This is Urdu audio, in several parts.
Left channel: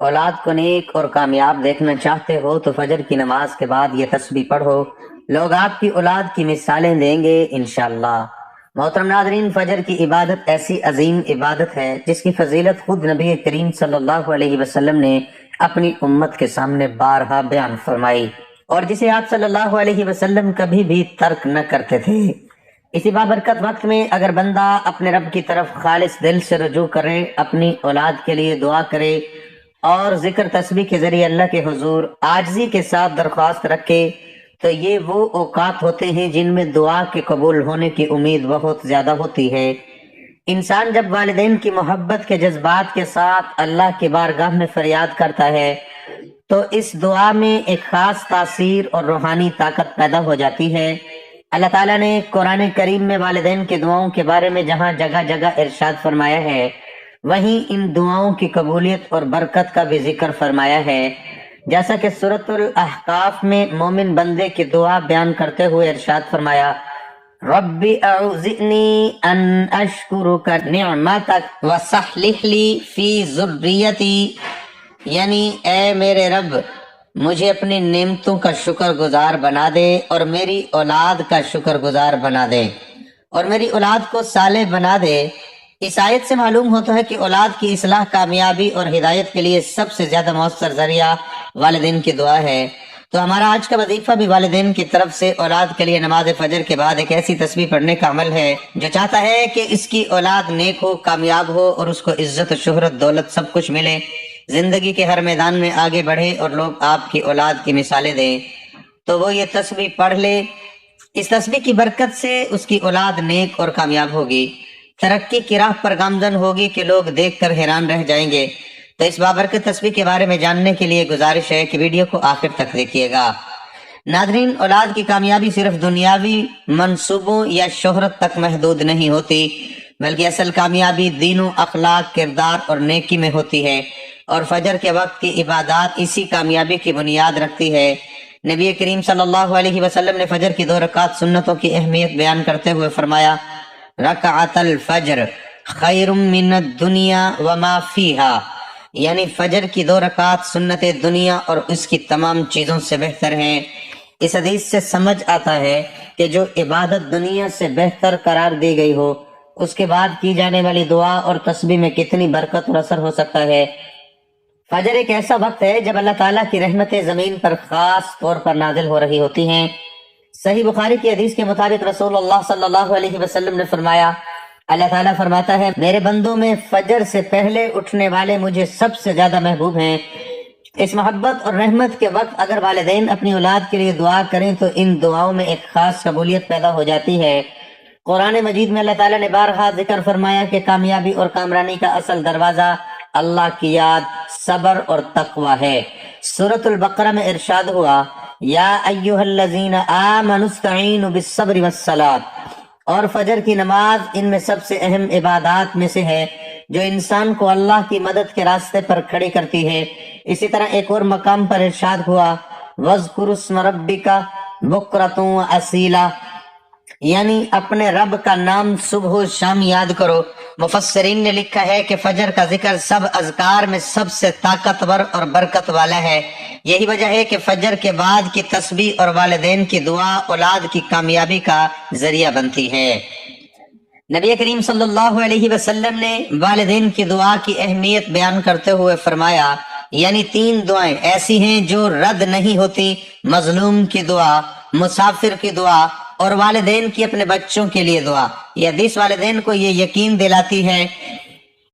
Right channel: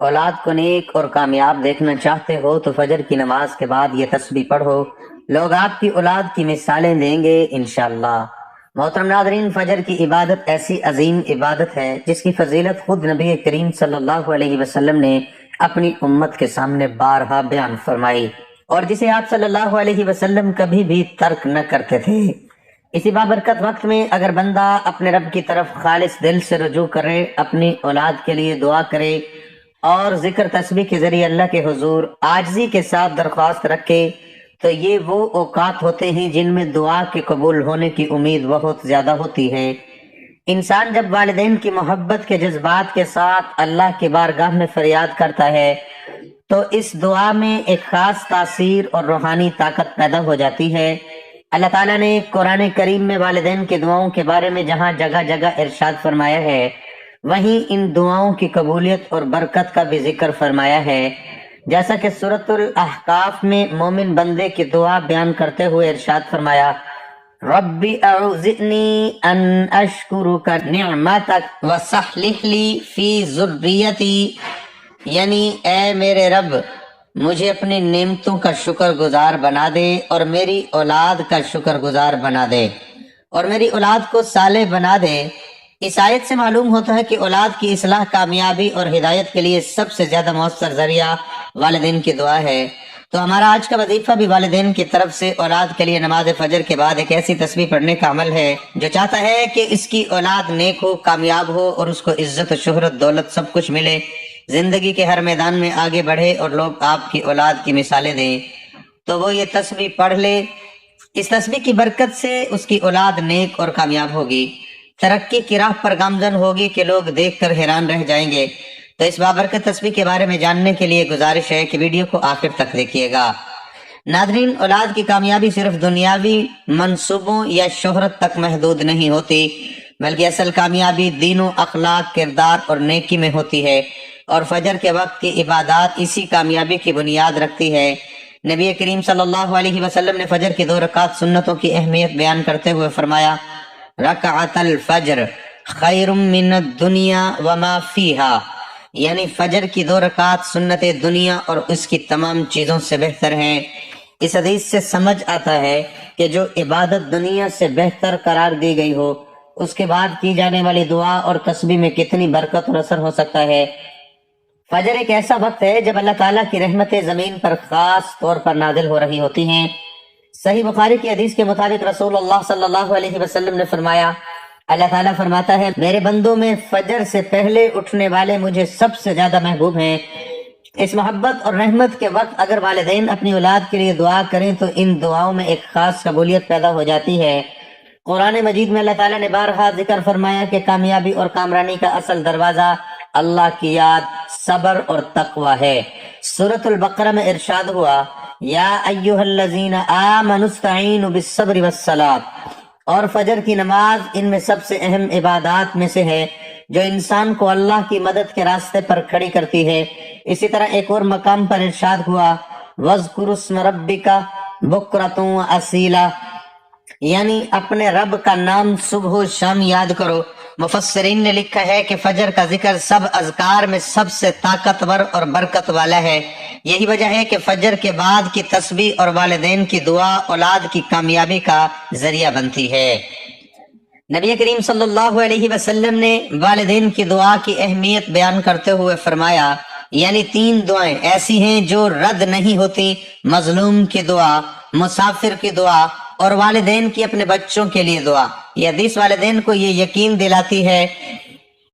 اولاد کو نیک اور کامیاب دیکھنا چاہتے ہو تو فجر کی نماز کے بعد یہ تسبیح پڑھو، لوگ آپ کی اولاد کی مثالیں دیں گے انشاءاللہ۔ محترم ناظرین، فجر کی عبادت ایسی عظیم عبادت ہے جس کی فضیلت خود نبی کریم صلی اللہ علیہ وسلم نے اپنی امت کے سامنے بارہا بیان فرمائی، اور جسے آپ صلی اللہ علیہ وسلم کبھی بھی ترک نہ کرتے تھے۔ اسی بابرکت وقت میں اگر بندہ اپنے رب کی طرف خالص دل سے رجوع کرے، اپنی اولاد کے لیے دعا کرے اور ذکر تسبیح کے ذریعے اللہ کے حضور عاجزی کے ساتھ درخواست رکھے، تو یہ وہ اوقات ہوتے ہیں جن میں دعا کے قبول ہونے کی امید بہت زیادہ ہوتی ہے۔ انسان جب والدین کی محبت کے جذبات کے ساتھ اللہ کی بارگاہ میں فریاد کرتا ہے تو اس دعا میں ایک خاص تاثیر اور روحانی طاقت پیدا ہو جاتی ہے۔ اللہ تعالیٰ نے قرآن کریم میں والدین کی دعاؤں کے بارے میں جہاں جگہ جگہ ارشاد فرمایا ہے، وہیں ان دعاؤں کی قبولیت اور برکت کا بھی ذکر فرمایا ہے، جیسا کہ سورۃ الاحقاف میں مومن بندے کی دعا بیان کرتے ہوئے ارشاد فرمایا، رب اعوذنی ان اشکرک نعمتک وصلح لی فی ذریتی، یعنی اے میرے رب مجھے اپنی نعمتوں کا شکر گزار بنا دے اور میری اولاد کا شکر گزار بنا دے، اور میری اولاد کو صالح بنا دے۔ اس آیت سے معلوم ہوتا ہے کہ اولاد کی اصلاح، کامیابی اور ہدایت کے لیے سب سے زیادہ مؤثر ذریعہ والدین کی دعا ہے۔ تو ہمارا آج کا وظیفہ بھی والدین کی طرف سے اولاد کے لیے نماز فجر کے بعد ایک ایسی تسبیح پڑھنے کا عمل ہے جو چاہتا ہے کہ اس کی اولاد نیک ہو، کامیاب ہو اور اس کو عزت، شہرت، دولت سب کچھ ملے، زندگی کے ہر میدان میں آگے بڑھے اور لوگ آپ کی اولاد کی مثالیں دیں۔ تو وہ یہ تسبیح پڑھ لے، اس تسبیح کی برکت سے اس کی اولاد نیک اور کامیاب ہوگی، ترقی کی راہ پر گامزن ہوگی کہ لوگ دیکھ کر حیران رہ جائیں گے۔ تو اس بابرکت تسبیح کے بارے میں جاننے کے لیے گزارش ہے کہ ویڈیو کو آخر تک دیکھیے گا۔ ناظرین، اولاد کی کامیابی صرف دنیاوی منصوبوں یا شہرت تک محدود نہیں ہوتی، بلکہ اصل کامیابی دین و اخلاق، کردار اور نیکی میں ہوتی ہے، اور فجر کے وقت کی عبادات اسی کامیابی کی بنیاد رکھتی ہے۔ نبی کریم صلی اللہ علیہ وسلم نے فجر کی 2 رکعات سنتوں کی اہمیت بیان کرتے ہوئے فرمایا، رکعت الفجر خیر من الدنیا وما فیہا، یعنی فجر کی 2 رکعات سنت دنیا اور اس کی تمام چیزوں سے بہتر ہیں۔ اس حدیث سے سمجھ آتا ہے کہ جو عبادت دنیا سے بہتر قرار دی گئی ہو، اس کے بعد کی جانے والی دعا اور تسبیح میں کتنی برکت اور اثر ہو سکتا ہے۔ فجر ایک ایسا وقت ہے جب اللہ تعالیٰ کی رحمتیں زمین پر خاص طور پر نازل ہو رہی ہوتی ہیں۔ صحیح بخاری کی حدیث کے مطابق رسول اللہ صلی اللہ علیہ وسلم نے فرمایا، اللہ تعالیٰ فرماتا ہے، میرے بندوں میں فجر سے پہلے اٹھنے والے مجھے سب سے زیادہ محبوب ہیں۔ اس محبت اور رحمت کے وقت اگر والدین اپنی اولاد کے لیے دعا کریں تو ان دعاؤں میں ایک خاص قبولیت پیدا ہو جاتی ہے۔ قرآن مجید میں اللہ تعالیٰ نے بارہا ذکر فرمایا کہ کامیابی اور کامرانی کا اصل دروازہ اللہ کی یاد، صبر اور تقوی ہے۔ سورۃ البقرہ میں ارشاد ہوا، یا ایھا الذین آمنوا استعینوا بالصبر والصلاۃ، اور فجر کی نماز ان میں سب سے اہم عبادات میں سے ہے جو انسان کو اللہ کی مدد کے راستے پر کھڑی کرتی ہے۔ اسی طرح ایک اور مقام پر ارشاد ہوا، وَاذْكُرُ اسْمَ رَبِّكَ بُكْرَةً وَأَصِيلًا، یعنی اپنے رب کا نام صبح و شام یاد کرو۔ مفسرین نے لکھا ہے کہ فجر کا ذکر سب اذکار میں سب سے طاقتور اور برکت والا ہے۔ یہی وجہ ہے کہ فجر کے بعد کی تسبیح اور والدین کی دعا اولاد کی کامیابی کا ذریعہ بنتی ہے۔ نبی کریم صلی اللہ علیہ وسلم نے والدین کی دعا کی اہمیت بیان کرتے ہوئے فرمایا، یعنی 3 دعائیں ایسی ہیں جو رد نہیں ہوتی، مظلوم کی دعا، مسافر کی دعا اور والدین کی اپنے بچوں کے لیے دعا۔ یہ حدیث والدین کو یہ یقین دلاتی ہے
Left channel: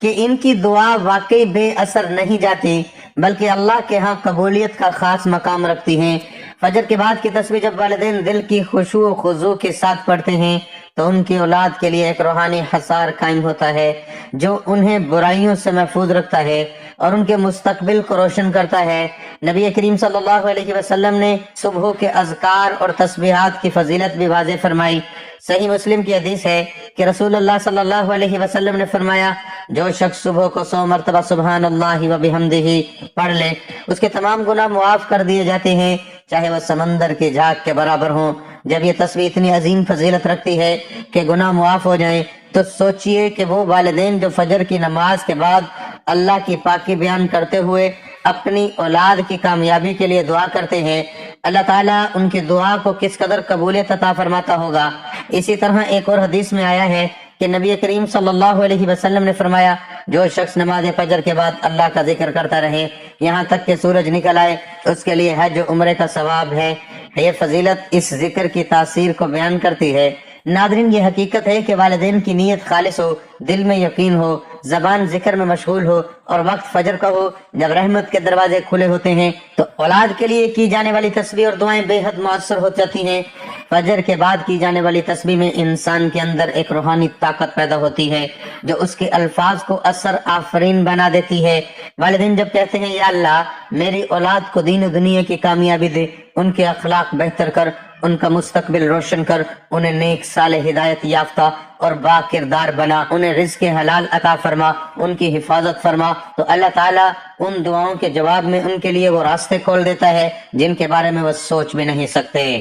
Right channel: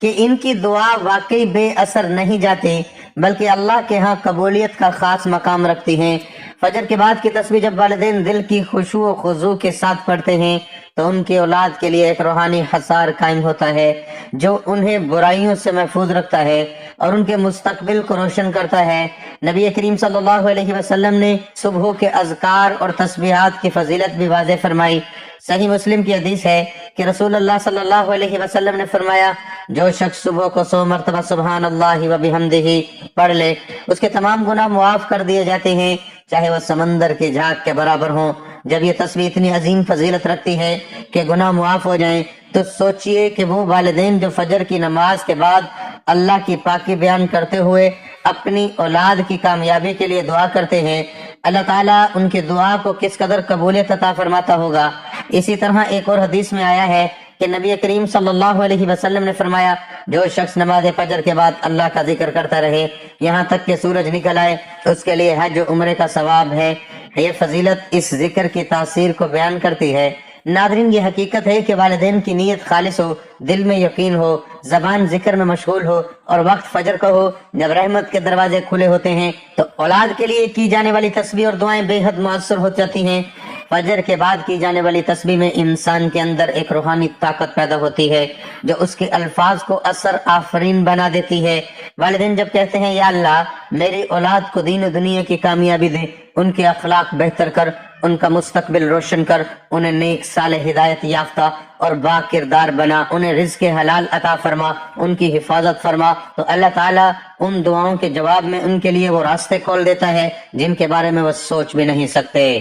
کہ ان کی دعا واقعی بے اثر نہیں جاتی، بلکہ اللہ کے ہاں قبولیت کا خاص مقام رکھتی ہیں۔ فجر کے بعد کی تسبیح جب والدین دل کی خشوع و خضوع کے ساتھ پڑھتے ہیں تو ان کی اولاد کے لیے ایک روحانی حصار قائم ہوتا ہے جو انہیں برائیوں سے محفوظ رکھتا ہے اور ان کے مستقبل کو روشن کرتا ہے۔ نبی کریم صلی اللہ علیہ وسلم نے صبح کے اذکار اور تسبیحات کی فضیلت بھی واضح فرمائی۔ صحیح مسلم کی حدیث ہے کہ رسول اللہ صلی اللہ علیہ وسلم نے فرمایا، جو شخص صبح کو 100 مرتبہ سبحان اللہ و بحمدہ پڑھ لے، اس کے تمام گناہ معاف کر دیے جاتے ہیں، چاہے وہ سمندر کے جھاگ کے برابر ہوں۔ جب یہ تسبیح اتنی عظیم فضیلت رکھتی ہے کہ گناہ معاف ہو جائیں تو سوچئے کہ وہ والدین جو فجر کی نماز کے بعد اللہ کی پاکی بیان کرتے ہوئے اپنی اولاد کی کامیابی کے لیے دعا کرتے ہیں، اللہ تعالیٰ ان کی دعا کو کس قدر قبولیت عطا فرماتا ہوگا۔ اسی طرح ایک اور حدیث میں آیا ہے کہ نبی کریم صلی اللہ علیہ وسلم نے فرمایا، جو شخص نماز فجر کے بعد اللہ کا ذکر کرتا رہے یہاں تک کہ سورج نکل آئے، اس کے لیے حج عمرے کا ثواب ہے۔ یہ فضیلت اس ذکر کی تاثیر کو بیان کرتی ہے۔ ناظرین، یہ حقیقت ہے کہ والدین کی نیت خالص ہو، دل میں یقین ہو، زبان ذکر میں مشغول ہو اور وقت فجر کا ہو جب رحمت کے دروازے کھلے ہوتے ہیں تو اولاد کے لیے کی جانے والی تسبیح اور دعائیں بے حد مؤثر ہو جاتی ہیں۔ فجر کے بعد کی جانے والی تسبیح میں انسان کے اندر ایک روحانی طاقت پیدا ہوتی ہے جو اس کے الفاظ کو اثر آفرین بنا دیتی ہے۔ والدین جب کہتے ہیں یا اللہ میری اولاد کو دین و دنیا کی کامیابی دے، ان کے اخلاق بہتر کر، ان کا مستقبل روشن کر، انہیں نیک صالح ہدایت یافتہ اور با کردار بنا، انہیں رزق حلال عطا فرما، ان کی حفاظت فرما، تو اللہ تعالیٰ ان دعاؤں کے جواب میں ان کے لیے وہ راستے کھول دیتا ہے جن کے بارے میں وہ سوچ بھی نہیں سکتے۔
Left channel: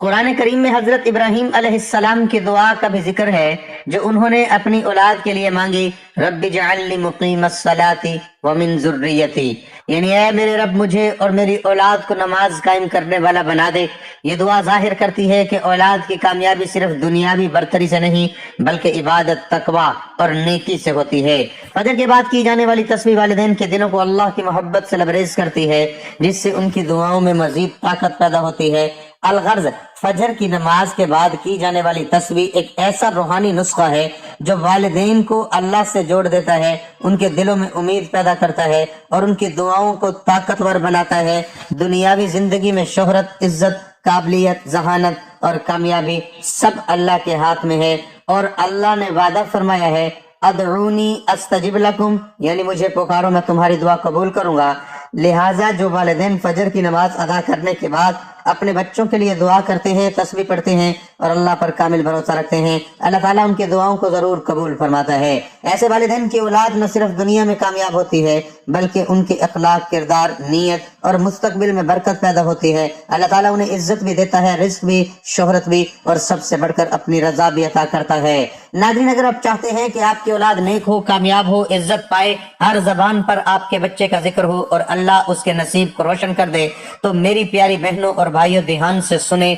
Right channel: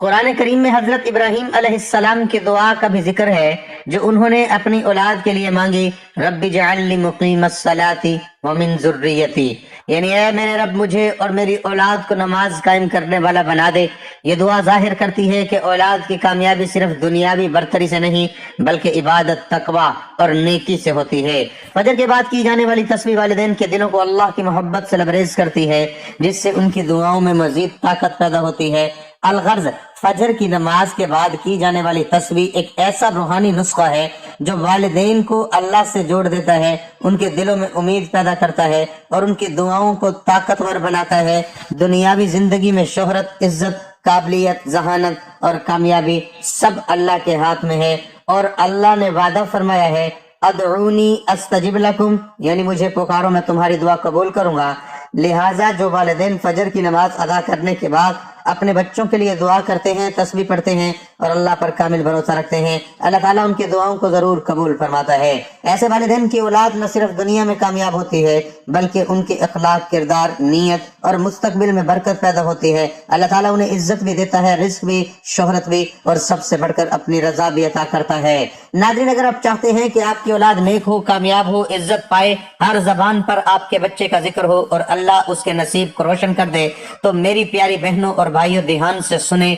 قرآن کریم میں حضرت ابراہیم علیہ السلام کی دعا کا بھی ذکر ہے جو انہوں نے اپنی اولاد کے لیے مانگی، رب اجعلنی مقیم الصلاۃ ومن ذریتی، یعنی اے میرے رب مجھے اور میری اولاد کو نماز قائم کرنے والا بنا دے۔ یہ دعا ظاہر کرتی ہے کہ اولاد کی کامیابی صرف دنیاوی برتری سے نہیں بلکہ عبادت، تقوی اور نیکی سے ہوتی ہے۔ فجر کے بعد کی جانے والی تسبیح والدین کے دلوں کو اللہ کی محبت سے لبریز کرتی ہے جس سے ان کی دعاؤں میں مزید طاقت پیدا ہوتی ہے۔ الغرض، فجر کی نماز کے بعد کی جانے والی تسبیح ایک ایسا روحانی نسخہ ہے جو والدین کو اللہ سے جوڑ دیتا ہے، ان کے دلوں میں امید پیدا کرتا ہے اور ان کی دعاؤں کو طاقتور بناتا ہے۔ دنیاوی زندگی میں شہرت، عزت، قابلیت، ذہانت اور کامیابی سب اللہ کے ہاتھ میں ہے، اور اللہ نے وعدہ فرمایا ہے ادعونی استجب لکم، یعنی مجھے پکارو میں تمہاری دعا قبول کروں گا۔ لہٰذا جو والدین فجر کی نماز ادا کرنے کے بعد اپنے بچوں کے لیے دعا کرتے ہیں، تسبیح پڑھتے ہیں اور اللہ پر کامل بھروسہ رکھتے ہیں، اللہ تعالیٰ ان کی دعاؤں کو ضرور قبول فرماتا ہے۔ ایسے والدین کی اولاد نہ صرف دنیا میں کامیاب ہوتی ہے بلکہ ان کے اخلاق، کردار، نیت اور مستقبل میں برکت پیدا ہوتی ہے۔ اللہ تعالیٰ انہیں عزت بھی دیتا ہے، رزق بھی، شہرت بھی، اور سب سے بڑھ کر اپنی رضا بھی عطا کرتا ہے۔ ناظرین، اگر آپ چاہتے ہیں کہ آپ کی اولاد نیک ہو، کامیاب ہو، عزت پائے، ہر زبان پر آپ کے بچے کا ذکر ہو اور اللہ اس کے نصیب کو روشن کر دے، تو میری پیاری بہنوں اور بھائیوں دھیان سے سنیں۔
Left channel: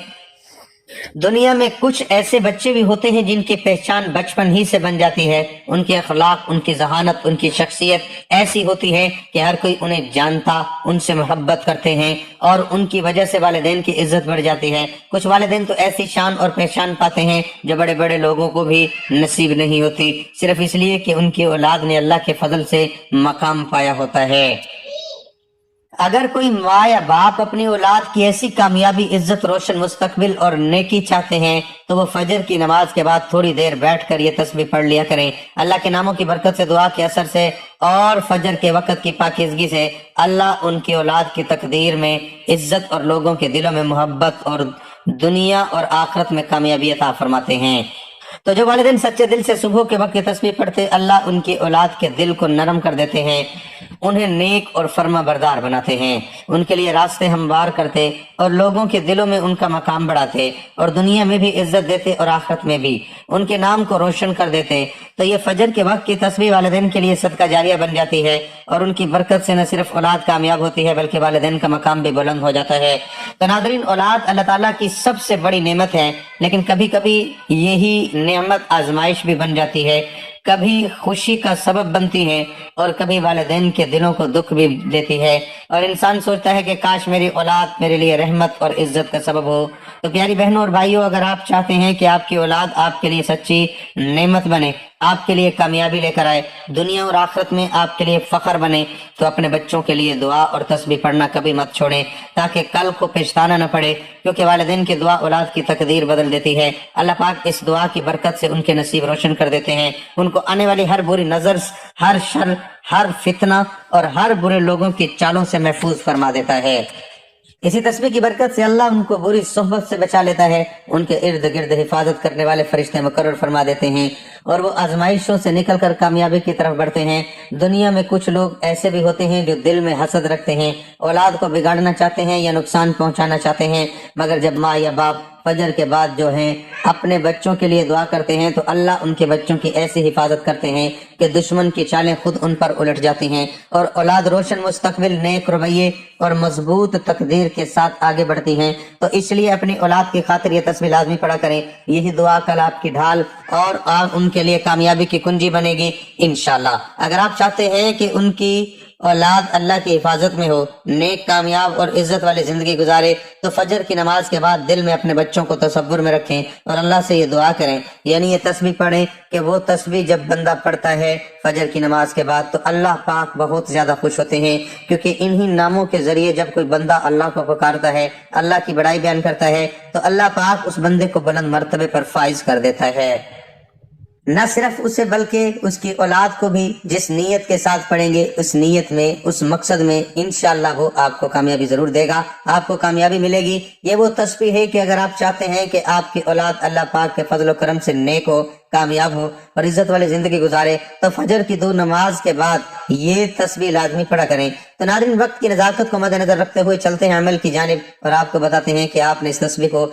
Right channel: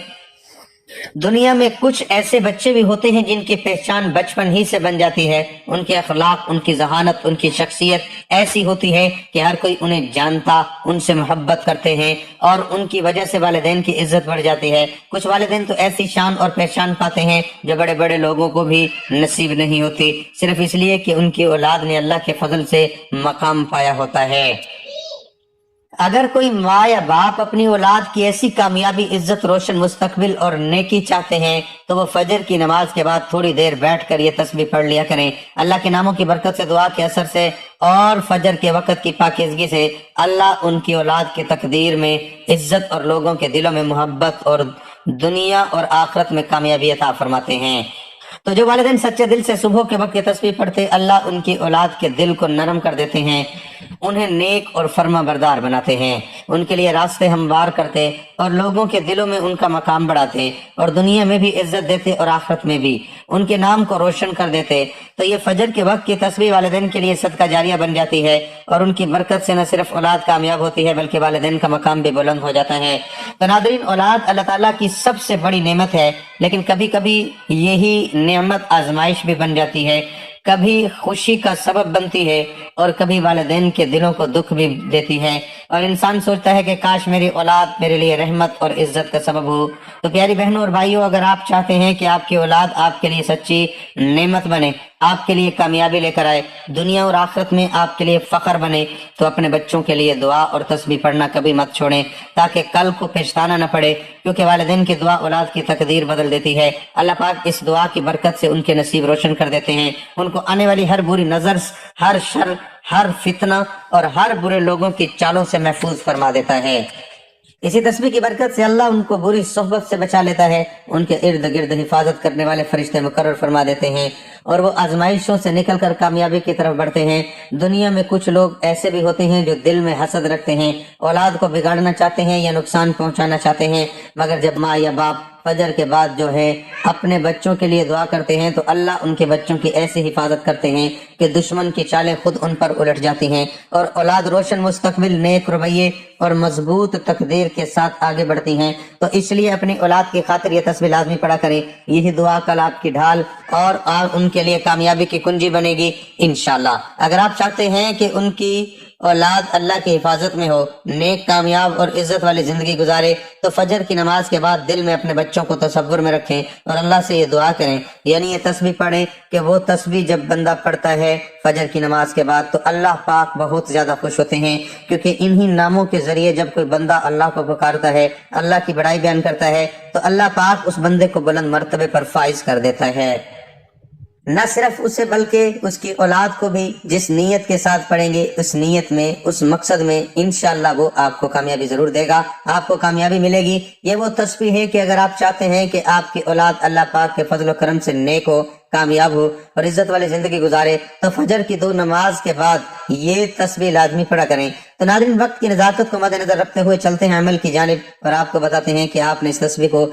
دنیا میں کچھ ایسے بچے بھی ہوتے ہیں جن کی پہچان بچپن ہی سے بن جاتی ہے، ان کے اخلاق، ان کی ذہانت، ان کی شخصیت ایسی ہوتی ہے کہ ہر کوئی انہیں جانتا، ان سے محبت کرتے ہیں اور ان کی وجہ سے والدین کی عزت بڑھ جاتی ہے۔ کچھ والدین تو ایسی شان اور پہچان پاتے ہیں جو بڑے بڑے لوگوں کو بھی نصیب نہیں ہوتی، صرف اس لیے کہ ان کی اولاد نے اللہ کے فضل سے مقام پایا ہوتا ہے۔ اگر کوئی ماں یا باپ اپنی اولاد کی ایسی کامیابی، عزت، روشن مستقبل اور نیکی چاہتے ہیں تو وہ فجر کی نماز کے بعد تھوڑی دیر بیٹھ کر یہ تسبیح پڑھ لیا کرے۔ اللہ کے ناموں کی برکت سے، دعا کے اثر سے اور فجر کے وقت کی پاکیزگی سے اللہ ان کی اولاد کی تقدیر میں عزت اور لوگوں کے دلوں میں محبت اور دنیا اور آخرت میں کامیابی عطا فرماتے ہیں۔ تو جو والدین سچے دل سے صبح کے وقت تسبیح پڑھتے، اللہ ان کی اولاد کے دل کو نرم کر دیتے ہیں، انہیں نیک اور فرما بردار بناتے ہیں، ان کے لیے راستے ہموار کرتے اور لوگوں کے دلوں میں ان کا مقام بڑھاتے اور دنیا میں بھی عزت دیتے اور آخرت میں بھی ان کے نام کو روشن کر دیتے۔ تو یہ فجر کے وقت کی تسبیح والدین کے لیے صدقہ جاریہ بن جاتی ہے اور ان کی برکت سے نہ صرف اولاد کامیاب ہوتی ہے بلکہ والدین کا مقام بھی بلند ہو جاتا ہے۔ تو ناظرین، اولاد اللہ تعالیٰ کی سب سے بڑی نعمت ہے، لیکن کبھی کبھی یہی نعمت آزمائش بھی بن جاتی ہے، کبھی خوشی کا سبب بنتی ہے اور کبھی والدین کے دلوں کو دکھ بھی دیتی ہے، اور انسان سوچتا ہے کہ کاش میری اولاد میرے لیے رحمت اور عزت کا سبب ہو۔ تو پیاری بہنوں اور بھائیوں، اگر آپ چاہتے ہیں کہ آپ کی اولاد آپ کے لیے سچی نعمت بنے، آپ کے لیے کامیابی لے کر آئے، دنیا اور آخرت میں آپ کے لیے فخر بنے، تو اپنے بچوں کے لیے دعا اور تسبیح پڑھنا کبھی مت چھوڑیں تاکہ کل کو پچھتانا نہ پڑے، کیونکہ والدین کی دعا اولاد کی تقدیر بدل دیتی ہے۔ اللہ پاک اس دعا کی برکت سے ان کے نصیب روشن کر دیتے ہیں، ان کو آنے والی ہر بری نظر، ہر شر، ہر فتنہ اور ہر برے لوگوں کی چالوں سے محفوظ فرما دیتا ہے۔ اسی تسبیح کی برکت سے اللہ ان کو بری صحبت سے بچا لیتا ہے، ان کے ارد گرد حفاظت کرنے والے فرشتے مقرر فرما دیتے ہیں اور وہ آزمائشوں سے نکل کر کامیابی کی طرف بڑھتے ہیں۔ دنیا میں کچھ لوگ ایسے بھی ہوتے ہیں جو دل میں حسد رکھتے ہیں، اولاد کو بگاڑنا چاہتے ہیں یا نقصان پہنچانا چاہتے ہیں، مگر جب ماں یا باپ فجر کے بعد جو ہے اپنے بچوں کے لیے دعا کرتے ہیں تو اللہ ان کے بچوں کی ایسی حفاظت کرتے ہیں کہ دشمن کی چالیں خود ان پر الٹ جاتی ہیں اور اولاد روشن مستقبل، نیک رویے اور مضبوط تقدیر کے ساتھ آگے بڑھتی ہیں۔ تو اس لیے اپنی اولاد کی خاطر یہ تسبیح لازمی پڑھا کریں، یہی دعا کل آپ کی ڈھال اور ان کے لیے کامیابی کی کنجی بنے گی انشاءاللہ۔ اگر آپ چاہتے ہیں کہ ان کی اولاد اللہ کی حفاظت میں ہو، نیک، کامیاب اور عزت والی زندگی گزارے، تو فجر کی نماز کے بعد دل میں اپنے بچوں کو تصور میں رکھیں اور اللہ سے یہ دعا کریں، یعنی یہ تسبیح پڑھیں کہ وہ تسبیح جب بندہ پڑھتا ہے فجر کی نماز کے بعد تو اللہ پاک بہت زیادہ خوش ہوتے ہیں، کیونکہ انہی ناموں کے ذریعے جب کوئی بندہ اللہ کو پکارتا ہے، اللہ کی بڑائی بیان کرتا ہے، تو اللہ پاک اس بندے کو بلند مرتبے پر فائز کر دیتا ہے۔ نہ صرف اسے بلکہ اس کی اولاد کو بھی جس نیت کے ساتھ پڑھیں گے، اس نیت میں، اس مقصد میں انشاءاللہ وہ آپ کو کامیابی ضرور دے گا، آپ کو کامیابی ملے گی۔ یہ وہ تسبیح ہے کہ اگر آپ چاہتے ہیں کہ آپ کی اولاد اللہ پاک کے فضل و کرم سے نیک ہو، کامیاب ہو اور عزت والی زندگی گزارے، تو فجر کی 2 نماز کے بعد یہ تسبیح لازمی پڑھا کریں۔ تو ناظرین، وقت کی نزاکت کو مد نظر رکھتے ہوئے چلتے ہیں عمل کی جانب اور آپ کو بتاتے ہیں کہ آپ نے اس تسبیح کو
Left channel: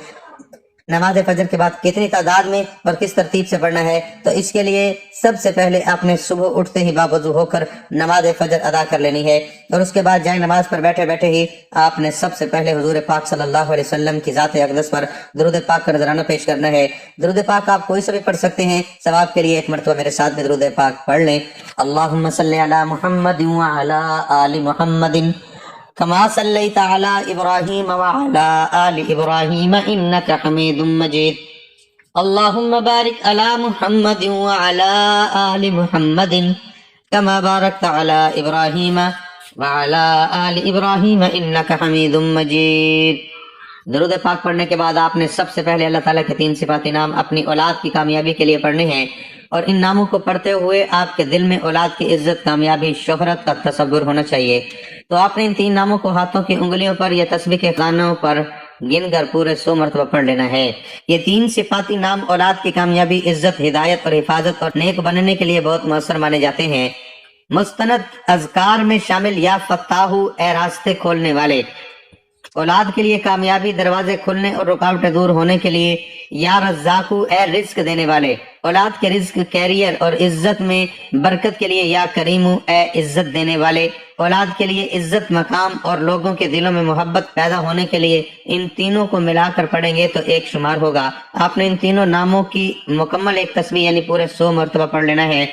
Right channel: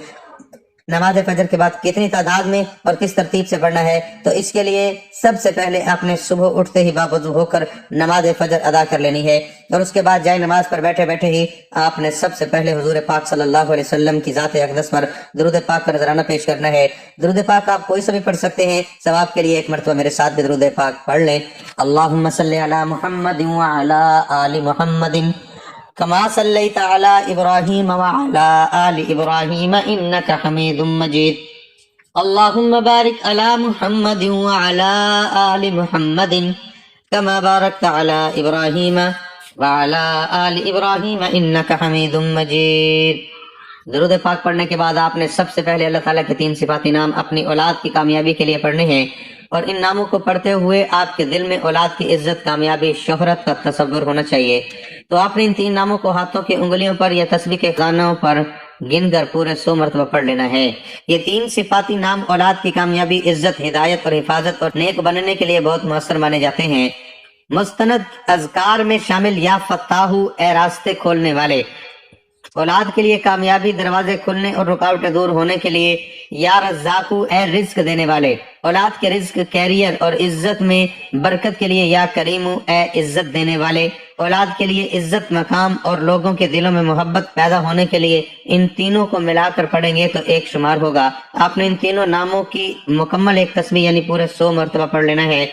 نماز فجر کے بعد کتنی تعداد میں اور کس ترتیب سے پڑھنا ہے۔ تو اس کے لیے سب سے پہلے آپ نے صبح اٹھتے ہی باوضو ہو کر نماز فجر ادا کر لینی ہے، اور اس کے بعد جائے نماز پر بیٹھے بیٹھے ہی آپ نے سب سے پہلے حضور پاک صلی اللہ علیہ وسلم کی ذات اقدس پر درود پاک کا نذرانہ پیش کرنا ہے۔ درود پاک آپ کوئی سا بھی پڑھ سکتے ہیں، ثواب کے لیے ایک مرتبہ میرے ساتھ بھی درود پاک پڑھ لیں۔ اللہم صلی علی محمد وعلی آل محمد کما صلیت علی ابراہیم وعلی آل ابراہیم انک حمید مجید۔ اللہم بارک علی محمد وعلی آل محمد کما بارکت علی ابراہیم وعلی آل ابراہیم انک حمید مجید۔ درود پاک پڑھنے کے بعد آپ نے سب سے پہلے اللہ تعالیٰ کے 3 صفاتی نام اپنی اولاد کی کامیابی کے لیے پڑھنے ہیں، اور ان ناموں کو پڑھتے ہوئے آپ کے دل میں اولاد کی عزت، کامیابی، شہرت کا تصور ہونا چاہیے۔ تو آپ نے ان 3 ناموں کو ہاتھوں کی انگلیوں پر یا تسبیح کے خانوں پر گن کر پورے 100 مرتبہ پڑھ لینا ہے۔ یہ 3 صفاتی نام اولاد کی کامیابی، عزت، ہدایت اور حفاظت اور نیک بننے کے لیے بہت مؤثر مانے جاتے ہیں۔ مستند اذکار میں شامل یا فتاحو، اے راستے کھولنے والے، اولاد کے لیے کامیابی، دروازے کھلنے اور رکاوٹیں دور ہونے کے لیے، یا رزاقو، اے رزق دینے والے، اولاد کے رزق، کیریئر اور عزت میں برکت کے لیے، یا کریمو، اے عزت دینے والے، اولاد کے لیے عزت، مقام اور لوگوں کے دلوں میں محبت پیدا ہونے کے لیے۔ ان تینوں کو ملا کر پڑھیں گے تو ایک شمار ہوگا۔ آپ نے ان تینوں ناموں کی مکمل ایک تسبیح یعنی پورے 100 مرتبہ پڑھ لینا ہے۔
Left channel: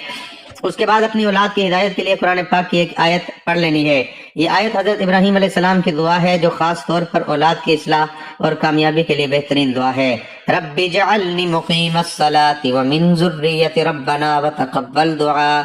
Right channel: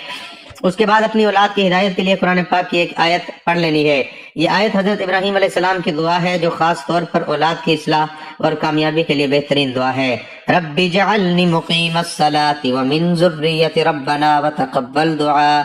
اس کے بعد اپنی اولاد کی ہدایت کے لیے قرآن پاک کی ایک آیت پڑھ لینی ہے۔ یہ آیت حضرت ابراہیم علیہ السلام کی دعا ہے جو خاص طور پر اولاد کی اصلاح اور کامیابی کے لیے بہترین دعا ہے۔ رب اجعلنی مقیم الصلاۃ ومن ذریتی ربنا وتقبل دعاء،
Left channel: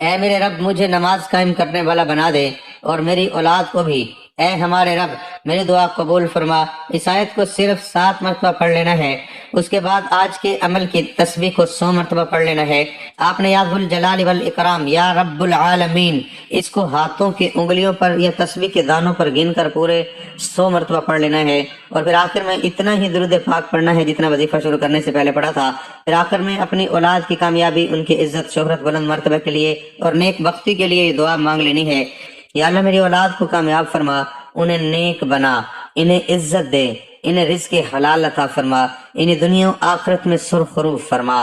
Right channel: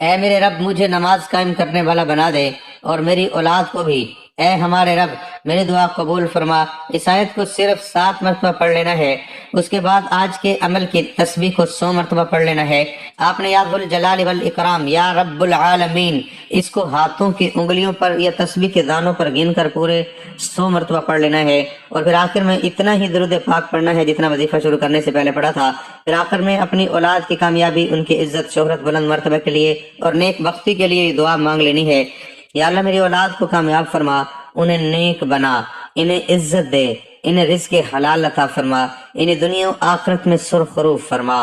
اے میرے رب مجھے نماز قائم کرنے والا بنا دے اور میری اولاد کو بھی، اے ہمارے رب میری دعا قبول فرما۔ اس آیت کو صرف 7 مرتبہ پڑھ لینا ہے۔ اس کے بعد آج کے عمل کی تسبیح کو 100 مرتبہ پڑھ لینا ہے۔ آپ نے یا ذو الجلال والاکرام، یا رب العالمین، اس کو ہاتھوں کی انگلیوں پر یا تسبیح کے دانوں پر گن کر پورے 100 مرتبہ پڑھ لینا ہے، اور پھر آخر میں اتنا ہی درود پاک پڑھنا ہے جتنا وظیفہ شروع کرنے سے پہلے پڑھا تھا۔ پھر آخر میں اپنی اولاد کی کامیابی، ان کی عزت، شہرت، بلند مرتبے کے لیے اور نیک بختی کے لیے یہ دعا مانگ لینی ہے۔ یا اللہ میری اولاد کو کامیاب فرما، انہیں نیک بنا، انہیں عزت دے، انہیں رزق حلال عطا فرما، انہیں دنیا و آخرت میں سرخروب فرما۔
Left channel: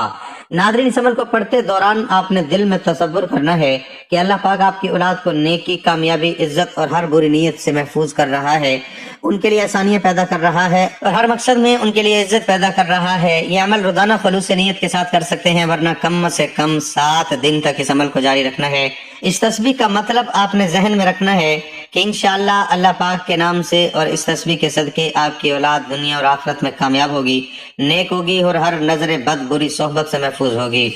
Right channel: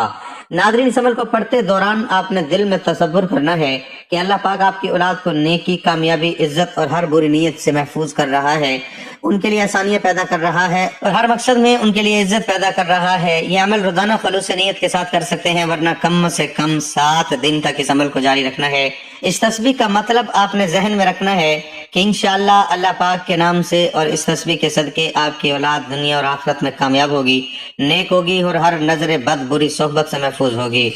ناظرین، اس عمل کو پڑھتے دوران آپ نے دل میں تصور کرنا ہے کہ اللہ پاک آپ کی اولاد کو نیکی، کامیابی، عزت اور ہر بری نیت سے محفوظ کر رہا ہے، ان کے لیے آسانیاں پیدا کر رہا ہے اور ہر مقصد میں ان کے لیے عزت پیدا کر رہا ہے۔ یہ عمل روزانہ خلوص نیت کے ساتھ کر سکتے ہیں، ورنہ کم سے کم 7 دن تک اس عمل کو جاری رکھنا ہے۔ اس تسبیح کا مطلب آپ نے ذہن میں رکھنا ہے کہ انشاءاللہ اللہ پاک کے نام سے اور اس تسبیح کے صدقے آپ کی اولاد دنیا اور آخرت میں کامیاب ہوگی، نیک ہوگی اور ہر نظر بد، بری صحبت سے محفوظ ہوگی۔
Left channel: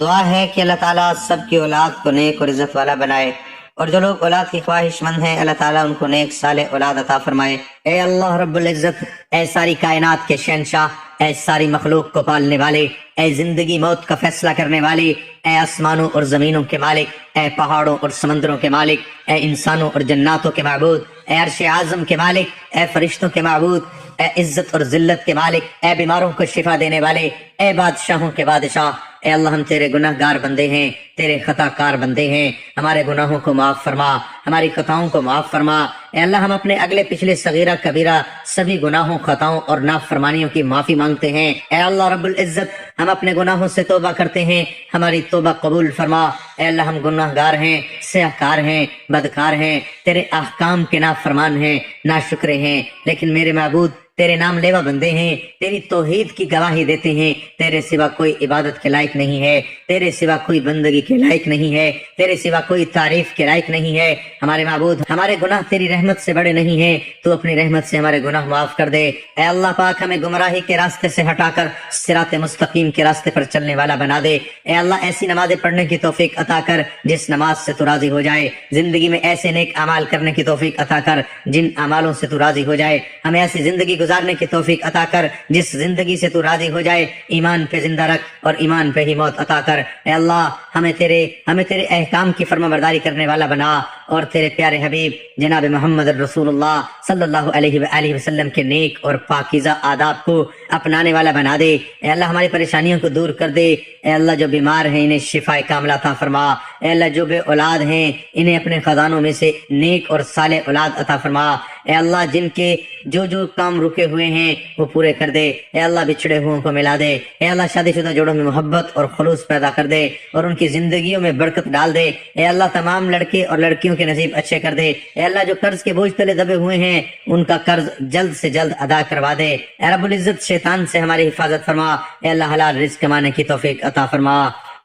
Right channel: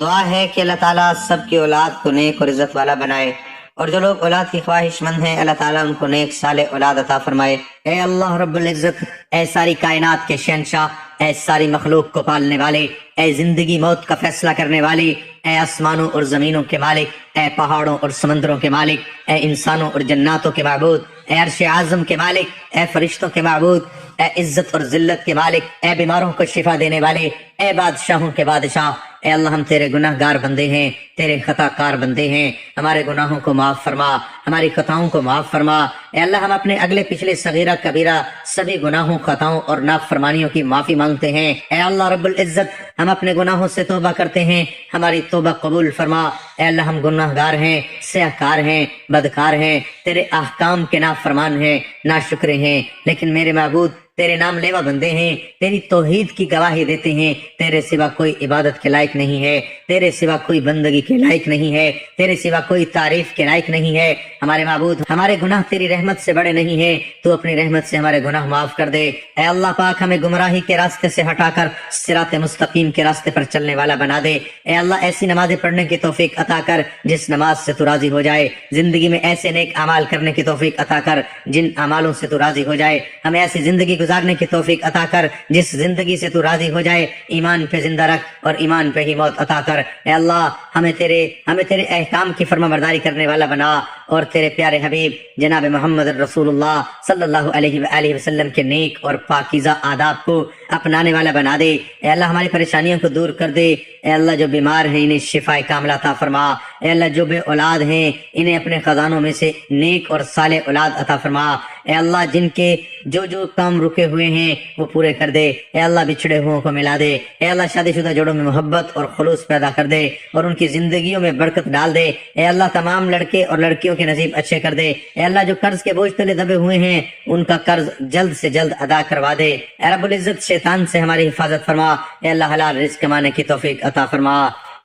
دعا ہے کہ اللہ تعالیٰ سب کی اولاد کو نیک اور عزت والا بنائے، اور جو لوگ اولاد کی خواہش مند ہیں اللہ تعالیٰ ان کو نیک صالح اولاد عطا فرمائے۔ اے اللہ رب العزت، اے ساری کائنات کے شہنشاہ، اے ساری مخلوق کو پالنے والے، اے زندگی موت کا فیصلہ کرنے والے، اے آسمانوں اور زمینوں کے مالک، اے پہاڑوں اور سمندروں کے مالک، اے انسانوں اور جناتوں کے معبود، اے عرش اعظم کے مالک، اے فرشتوں کے معبود، اے عزت اور ذلت کے مالک، اے بیماروں کو شفا دینے والے، اے بادشاہوں کے بادشاہ، اے اللہ ہم تیرے گناہ گار بندے ہیں، تیرے خطا کار بندے ہیں، ہمارے گناہوں کو معاف فرما، ہماری خطاؤں کو معاف فرما۔ اے اللہ ہم اپنے اگلے پچھلے صغیرہ کبیرہ سبھی گناہوں، خطاؤں اور نافرمانیوں کی معافی مانگتے ہیں۔ اے اللہ رب العزت ہم اپنے گناہوں سے توبہ کرتے ہیں، ہماری توبہ قبول فرما۔ اے اللہ ہم گناہ گار ہیں، سیاہ کار ہیں، بدکار ہیں، تیرے احکام کے نافرمان ہیں، ناشکرے ہیں، لیکن میرے معبود تیرے نام لیوا بندے ہیں، تیری توحید کی گواہی دیتے ہیں۔ تیرے سوا کوئی عبادت کے لائق نہیں ہے، تیرے سوا کوئی بندگی کے لائق نہیں ہے، تیرے سوا کوئی تعریف کے لائق نہیں ہے۔ ہمارے معبود ہمارے گناہ تیری رحمت سے بڑے نہیں ہیں، تو اپنی رحمت سے ہمارے گناہ معاف کر دے۔ اے اللہ پاک ہمیں گمراہی کے راستے سے ہٹا کر صراط مستقیم کے راستے پر چلنے والا بنا دے۔ اے اللہ ایسی نمازیں پڑھنے کی توفیق عطا کر جس نماز سے تو راضی ہو جائے، زندگی میں ایسے نیک اعمال کرنے کی توفیق عطا کر جن اعمالوں سے تو راضی ہو جائے، ہمیں ایسی زندگی گزارنے کی توفیق عطا کر جس زندگی سے تو راضی ہو جائے، ایمان پہ زندہ رکھ اور ایمان پہ ہی موت عطا کر۔ اے اللہ ہمیں تیرے احکام کی فرما برداری کرنے والا بنا، اور تیرے پیارے حبیب جناب محمد رسول اللہ صلی اللہ علیہ وآلہ وسلم کے نیک اور پاکیزہ آداب کو اپنانے والا بنا دے۔ اے اللہ ہماری پریشانیوں کو دور کر دے۔ اے اللہ جو بیمار ہیں انہیں شفا کاملہ عطا فرما۔ اے اللہ جو بے اولاد ہیں انہیں اپنے خزانوں میں سے نیک اور صالح اولاد عطا فرما۔ اے اللہ جن کے جو کام رکے ہوئے ہیں وہ پورے کر دے۔ اے اللہ بچھڑے ہوئوں کو ملا دے۔ اے اللہ شادی شدہ جوڑوں میں محبت اور خلوص پیدا کر دے اور ان کی زندگیوں میں برکت ڈال دے۔ اے اللہ تمام لڑکے اور لڑکیوں کے نصیب اچھے کر دے۔ اے اللہ جو قرض کے بوجھ تلے دبے ہوئے ہیں ان کا قرض جلد سے جلد ادا کروا دے۔ اے رب العزت شیطان سے ہماری حفاظت فرما۔ اے اللہ حلال رزق کمانے کی توفیق عطا فرما۔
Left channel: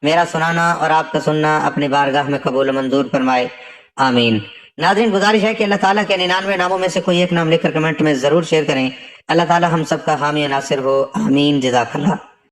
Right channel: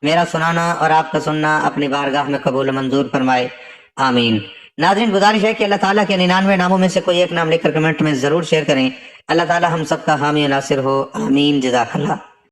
میرا سنانا اور آپ کا سننا اپنی بارگاہ میں قبول و منظور فرمائے، آمین۔ ناظرین گزارش ہے کہ اللہ تعالیٰ کے 99 ناموں میں سے کوئی ایک نام لکھ کر کمنٹ میں ضرور شیئر کریں۔ اللہ تعالیٰ ہم سب کا حامی ناصر ہو، آمین۔ جزاک اللہ۔